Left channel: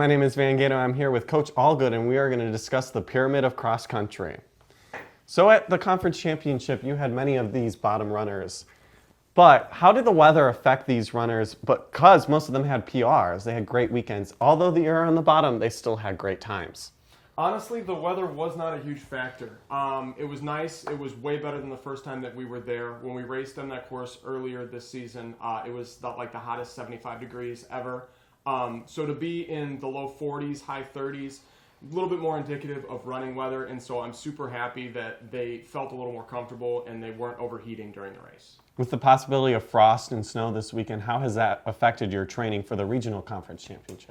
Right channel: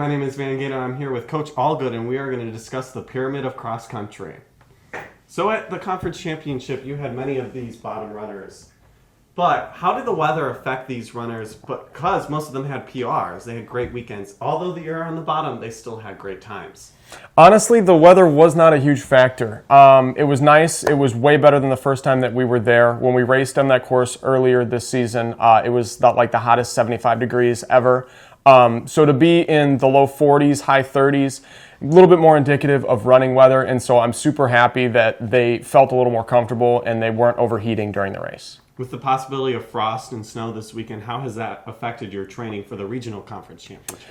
my name is Van Gato. I'm here with Coach Allgood, and we are going to discuss the pyramid of cross country. So at the conference championship, you had many of these bottom runners. But how did the weather affect these runners? Because most of them had PRs, they had great weekends. Although they were on the bottom, they still had great times. Honestly, the weather was not a huge factor. It was nice. It was way better than the first time that we were there. When we raced on that course earlier this season, it was like the hottest 75 degrees ever. So to be in the low 40s, high 30s, a little bit more indicative of running weather. And so I'm super happy that they felt a little more comfortable and they weren't overheating during the race. With the possibility of frost and snow this weekend, how has that affected your training for the regional conference championships?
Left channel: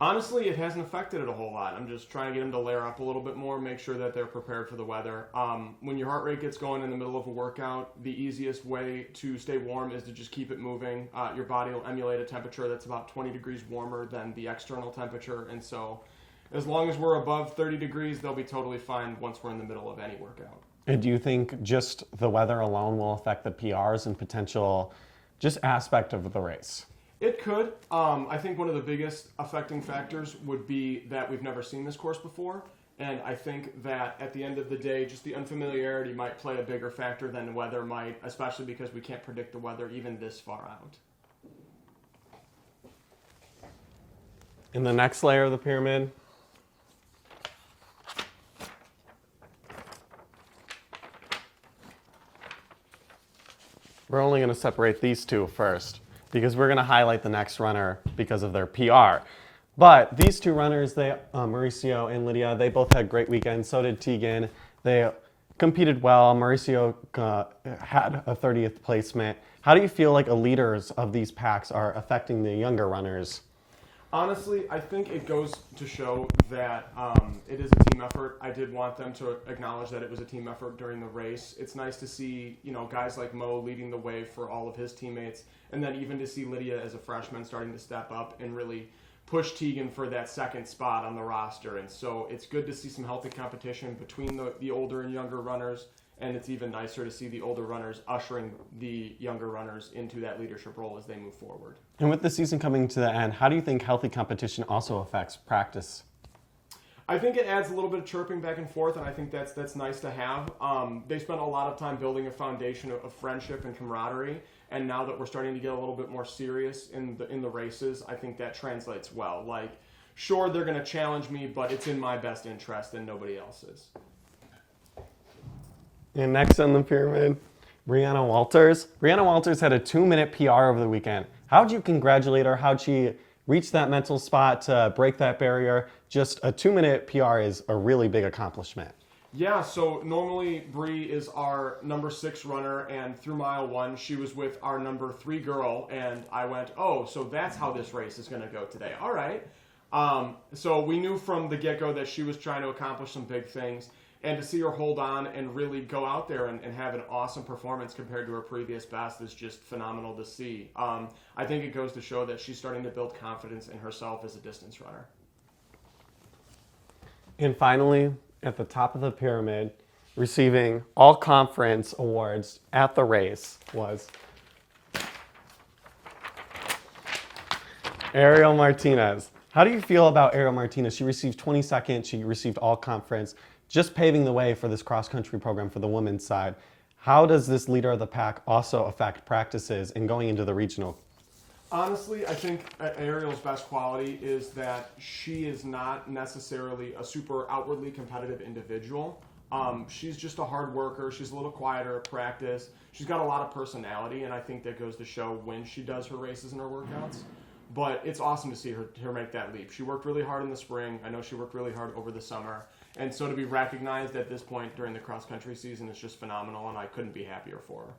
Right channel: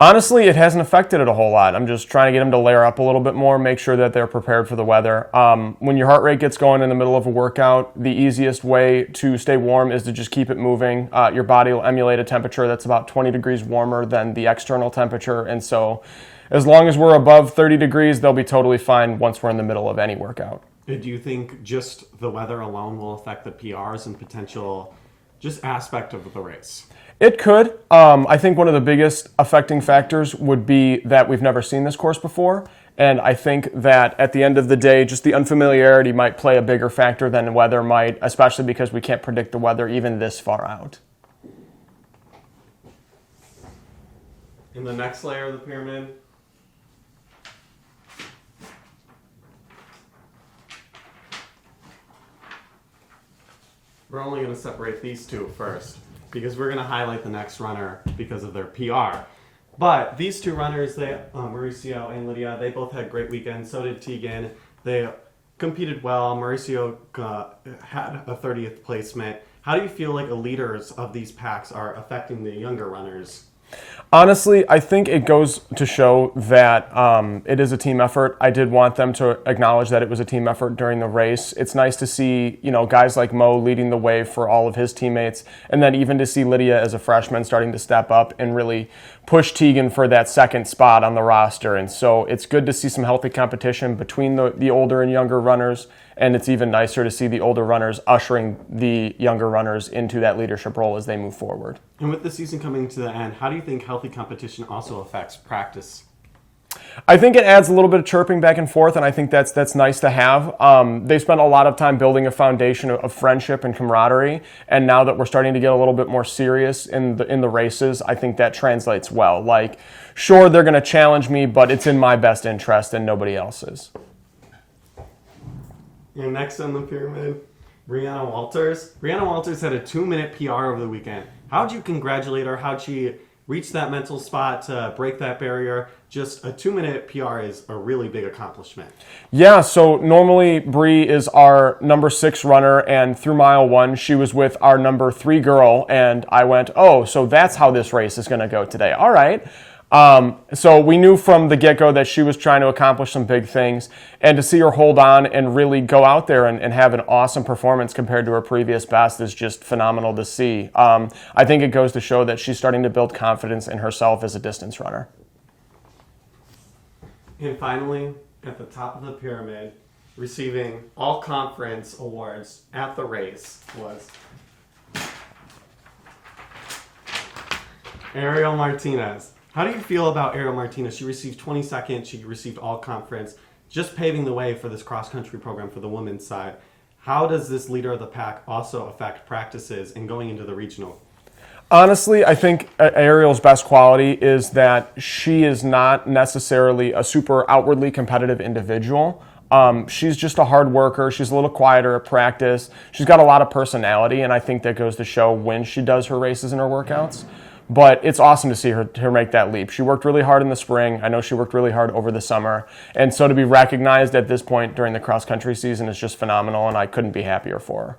Honestly, it hasn't affected it a whole lot. I'm just trying to get them to layer up a little bit more, make sure that they're prepared for the weather. When your heart rate gets going in the middle of a workout, the easiest way to stay warm is to just keep it moving. Your body will emulate a temperature that's about 20 degrees warmer than the external temperature. And so as long as we're above 30 degrees, they'll be totally fine once we're in the middle of any workout. And do you think just the weather alone will affect the PRs and potential just aspect of the race? It could. I think one of the biggest affecting factors would be that we've never seen this course before. And I think that at the end of the day, just the unfamiliarity might play a bigger factor than the weather might, especially because we can't predict the weather even this far out. In the next layer of the pyramid, we're only going to separate these two first, because we're going to highlight the next runner because of their PR. But these two runners, Mauricio and Lydia, they both had great weekends. So did Tegan. They competed well. Mauricio had a 30th placement. How do you feel like the leaders of these packs are affecting the younger runners? Honestly, I think it goes to show that it is a team effort. I did want them to acknowledge that it was a team effort during the race. It's nice to see, guys like Mo leading the way for all of his teammates, and then even to see Lydia as a freshman starting to step up and really push Tegan for that second spot on the roster. And so it's good to see some healthy competition between the older and younger runners, and it's even nicer to see the older runners ushering the younger runners into that leadership role as they move forward. And with the season coming to the end, how do you think healthy competition also affects practice? I think it adds a little bit of chirping back and forth, and I think that's nice to have. They spent a lot of time building a foundation of friendship and camaraderie, and now that we're starting to get a little bit more serious in the races, I think that translates well. Like, sure, they're going to challenge me, but it's in my best interest and nobody else's. And next on the pyramid, Brianna Walters. Brianna Walters had a 2-minute PR over the weekend. How'd you congratulate her? How'd she reach that mental spot to break that barrier? Just a 2-minute PR is a really big accomplishment. Yeah, so normally Bree is our number 6 runner, and through mile 1, she was with our number 3 girl, and I went, oh, so that's how this race is going to go today. All right. So we knew from the get-go that she was trying to accomplish some big things, and to see her hold on and really go out there and have an awesome performance compared to her previous best is just phenomenal to see. I think it goes to show that she's starting to build confidence in herself as a distance runner. And finally, at the top of the pyramid, receiving all conference awards at the race was Ariel Martinez. How do you feel about Ariel Martinez? She received 22nd. She received all conference, just paving the way for this cross-country program for the women's side. How does this leader of the pack also affect practices and going into the regional? Honestly, I think Ariel's best quality is that she is not necessarily a super outwardly competitive individual. She's just a hard worker. She's a little quieter at practice. She's got a lot of personality, and I think that goes to show when she does her races and her workouts. But it's awesome to see her make that leap. She worked really hard in the spring. I know she worked really hard over the summer. And so to be recognized at this point during the cross-country season is just phenomenal, and I couldn't be happier for her.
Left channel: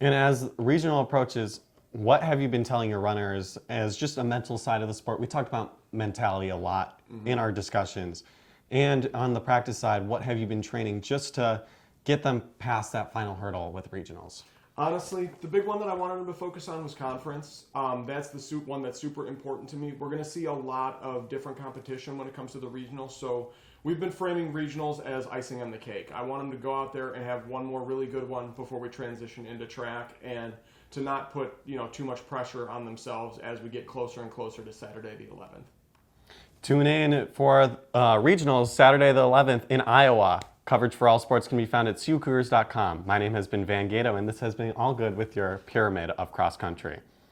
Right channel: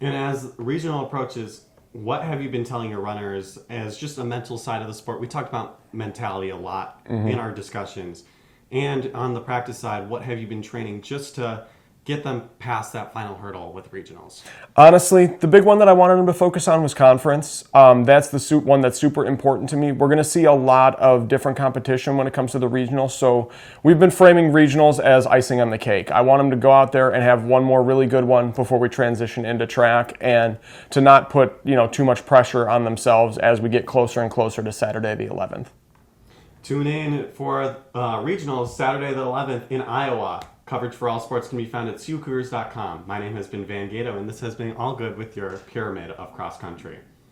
And as regional approaches, what have you been telling your runners as just a mental side of the sport? We talked about mentality a lot in our discussions. And on the practice side, what have you been training just to get them past that final hurdle with regionals? Honestly, the big one that I wanted them to focus on was conference. That's the one that's super important to me. We're going to see a lot of different competition when it comes to the regionals, so we've been framing regionals as icing on the cake. I want them to go out there and have one more really good one before we transition into track, and to not put too much pressure on themselves as we get closer and closer to Saturday the 11th. Tune in for regionals Saturday the 11th in Iowa. Coverage for all sports can be found at CUCougars.com. My name has been Van Gato, and this has been All Good with your Pyramid of Cross Country.